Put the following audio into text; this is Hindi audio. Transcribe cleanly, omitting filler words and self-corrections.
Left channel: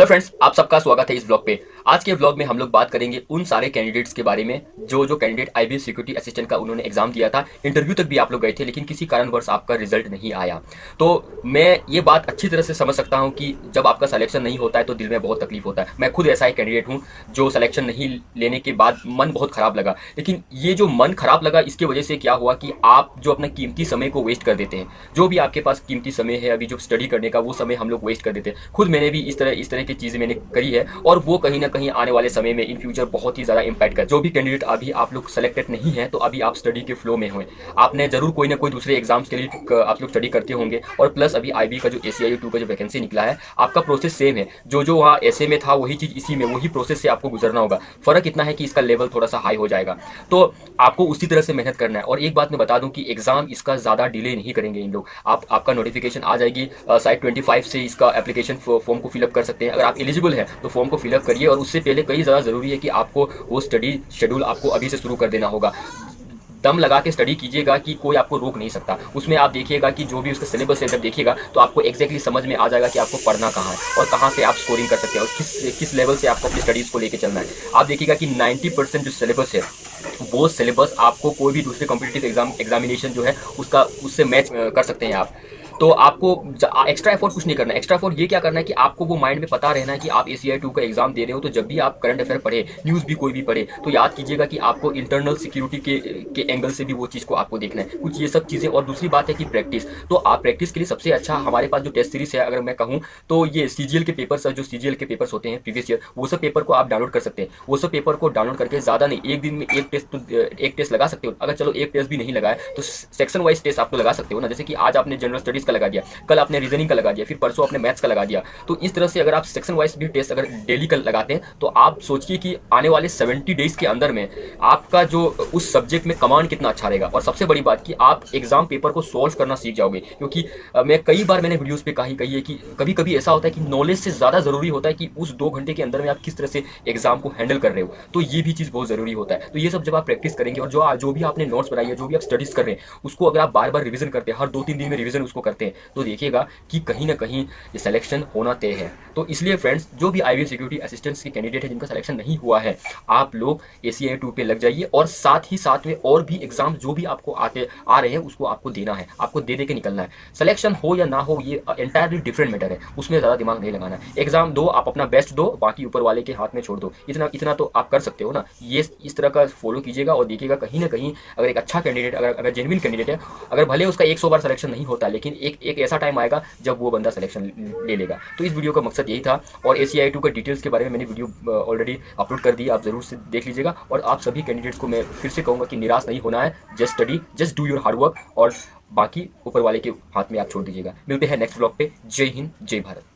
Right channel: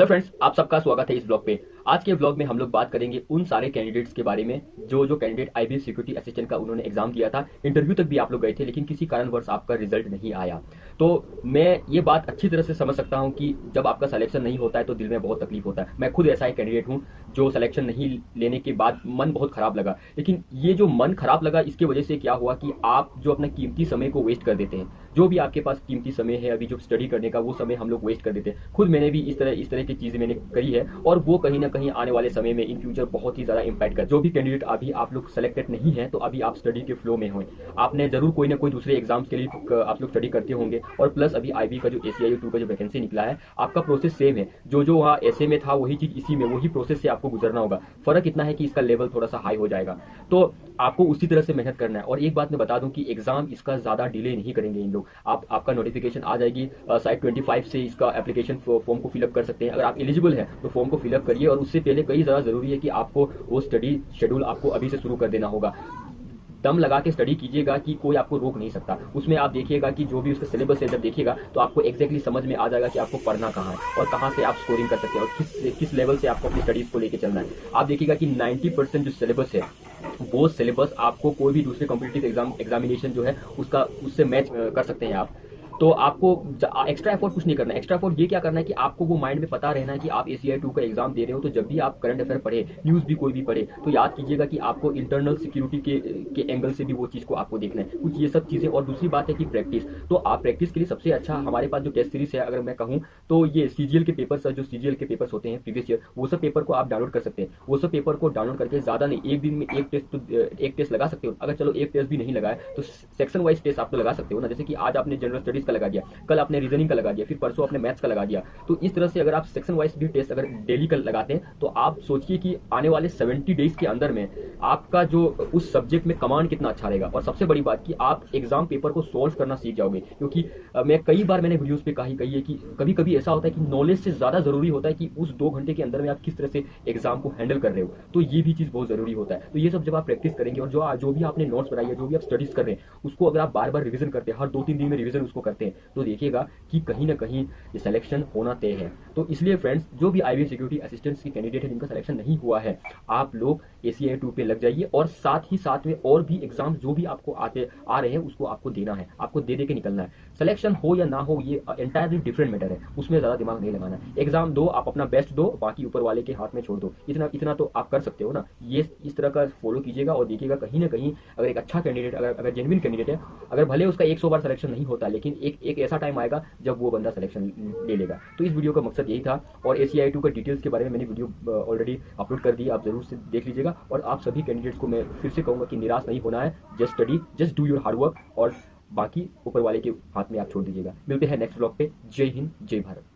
हेलो फ्रेंड्स, आप सबका स्वागत है इस ब्लॉग पे। आज के ब्लॉग में हम लोग बात करेंगे उन सारे कैंडिडेट्स के बारे में जो कैंडिडेट आईबीएस सिक्योरिटी असिस्टेंट का उन्होंने एग्जाम दिया था, इंटरव्यू तक भी आप लोग गए थे, लेकिन किसी कारणवश आपका रिजल्ट नहीं आया। तो मैं ये बात अच्छी तरह से समझ सकता हूँ कि जब आपका सिलेक्शन नहीं होता है तो दिल में बहुत तकलीफ होता है। मैं खुद ऐसा एक कैंडिडेट हूँ जो सिलेक्शन नहीं लेने के बाद मन बहुत खराब लगा। लेकिन ये जो मन खराब लगा, इसकी वजह से क्या हुआ कि आप जो अपना कीमती समय को वेस्ट कर देते हैं, जो भी आपके पास कीमती समय है अभी जो स्टडी करने का, वो समय हम लोग वेस्ट कर देते हैं। खुद मैंने भी इस तरह की चीज़ें मैंने करी है, और वो कहीं ना कहीं आने वाले समय में इन फ्यूचर बहुत ही ज़्यादा इम्पैक्ट कर। जो भी कैंडिडेट अभी आप लोग सेलेक्टेड नहीं है, तो अभी आप स्टडी के फ्लो में हुए, आपने जरूर कोई ना कोई दूसरे एग्जाम्स के लिए आप लोग स्टडी करते होंगे, और प्लस अभी आईबी का जो ACIU 2 का जो वैकेंसी निकला है, आपका प्रोसेस सेम है। जो वहाँ ऐसे में था वही चीज़ इसी में, वही प्रोसेस से आपको गुजरना होगा। फर्क इतना है कि इसका लेवल थोड़ा सा हाई हो जाएगा, तो आपको उसी तरह से मेहनत करना है। और एक बात मैं बता दूं कि एग्जाम इसका ज़्यादा डिले नहीं करेंगे इन लोग। आपका नोटिफिकेशन आ जाएगी साइट 25 से, इसका एप्लीकेशन फॉर्म को फिलअप कर सकते हैं। अगर आप एलिजिबल है तो फॉर्म को फिलअप करिए, और उससे पहले कई ज़्यादा ज़रूरी है कि आपको वो स्टडी शेड्यूल आपको अभी से शुरू कर देना होगा। दम लगा के स्टडी कीजिएगा कि कोई आपको रोक नहीं सकता। उसमें आप देखिएगा कि जो भी उसका सिलेबस है, जब देखिएगा तो आपको एग्जैक्टली समझ में आ जाएगा कि आपको पढ़ना कहाँ है और कहाँ से आप स्कोरिंग कर सकते हैं, और किस लेवल से आपको अपनी स्टडीज़ को लेकर चलना है। आप देखिएगा कि 90% जो सिलेबस है, वो सिलेबस आपको कोई भी दूसरे कॉम्पिटिटिव एग्जामिनेशन जो है उससे मैच कर सकते हैं आप। तो आपको एक्स्ट्रा एफर्ट कुछ नहीं करना है। एक्स्ट्रा एफर्ट ये क्या करना है कि आपको वो माइंड में पता रहना है कि आप ACI 2 का एग्जाम दे रहे हो, तो जब भी आप करंट अफेयर पढ़े, न्यूज़ भी कोई भी पढ़े, तो याद कीजिएगा कि आपको इंटरनल सिक्योरिटी के एंगल से भी वो चीज़ को आपको देखना है, कुछ ये सब चीज़ें। और दूसरी बात है कि प्रैक्टिस, तो आप प्रैक्टिस के लिए सबसे अच्छा हमारे पास जो टेस्ट सीरीज है, अगर मैं कहूँ तो ये CGL के पेपर्स, जो CGL के पेपर्स होते हैं प्रीवियस ईयर, वो सब पेपर को आप डाउनलोड कर सकते हैं। वो सब पेपर को डाउनलोड करके ज़्यादा नहीं, एक दिन में एक टेस्ट लगा सकते हो। अगर चलो एक टेस्ट भी नहीं लगाए तो सेक्शन वाइज टेस्ट आप तो लगा सकते हो ना। जैसे कि आज आपने जनरल स्टडीज़ का लगा दिया, कल आपने रीजनिंग का लगा दिया, फिर परसों आपने मैथ्स का लगा दिया। तो इस तरह से अगर आप सेक्शन वाइज भी टेस्ट अगर डेली का लगाते हैं, तो आप सोचिए कि आने वाले 70 डेज के अंदर में आपका जो उस सब्जेक्ट में कमांड कितना अच्छा रहेगा। और सबसे बड़ी बात कि आप एग्जाम पेपर को सॉल्व करना सीख जाओगे, क्योंकि मैं कई बार मैंने वीडियोस पे कही है कि कभी कभी ऐसा होता है कि नॉलेज से ज़्यादा ज़रूरी होता है कि उस 2 घंटे के अंदर में आप किस तरह से एग्जाम को हैंडल कर रहे हो। तो ये भी चीज़ बहुत ज़रूरी होता है। तो ये सब जब आप प्रैक्टिस करेंगे, और जो भी आपने नोट्स बनाई है, जो भी आप स्टडीज़ कर रहे हैं, उसको अगर आप बार बार रिविजन करते हैं, हर 2-3 दिन में रिविजन उसको करते हैं, तो देखिएगा कि कहीं ना कहीं ये सिलेक्शन होना तय है। तो इसलिए फ्रेंड्स, जो भी आईबीएस सिक्योरिटी असिस्टेंट्स के कैंडिडेट है जिनका सिलेक्शन नहीं हुआ है, आप लोग ACI 2 पे लग जाइए, और साथ ही साथ में और भी एग्जाम जो भी आपको आ रहे हैं उसको आपको देना है, आपको दे के निकलना है। सिलेक्शन हो या ना हो, ये एंटायरली डिफरेंट मैटर है, उसमें ज़्यादा दिमाग नहीं लगाना है। एग्जाम दो, आप अपना बेस्ट दो, बाकी ऊपर वाले के हाथ में छोड़ दो। इतना इतना तो आप कर सकते हो ना। ये इस तरह का फॉलो कीजिएगा, और देखिएगा कहीं ना कहीं अगर एक अच्छा कैंडिडेट, अगर जेन्युइन कैंडिडेट है, अगर भले उसका 100 बार सिलेक्शन नहीं होता, लेकिन एक ऐसा टाइम आएगा जब वो बंदा सिलेक्शन ले लेगा। तो इस वीडियो का मकसद यही था, और ACI 2 का डिटेल्स के बारे में मैंने वीडियो ऑलरेडी अपलोड कर दी, आप जरूर से देख लीजिएगा। और आप सभी कैंडिडेट्स को मैं फिर से कहूँगा कि निराश नहीं होना है। Just study, just do your hard work, और बाकी ऊपर वाले के हाथ में आप छोड़ दीजिएगा। मिलते हैं नेक्स्ट ब्लॉग पे। जय हिंद, जय भारत।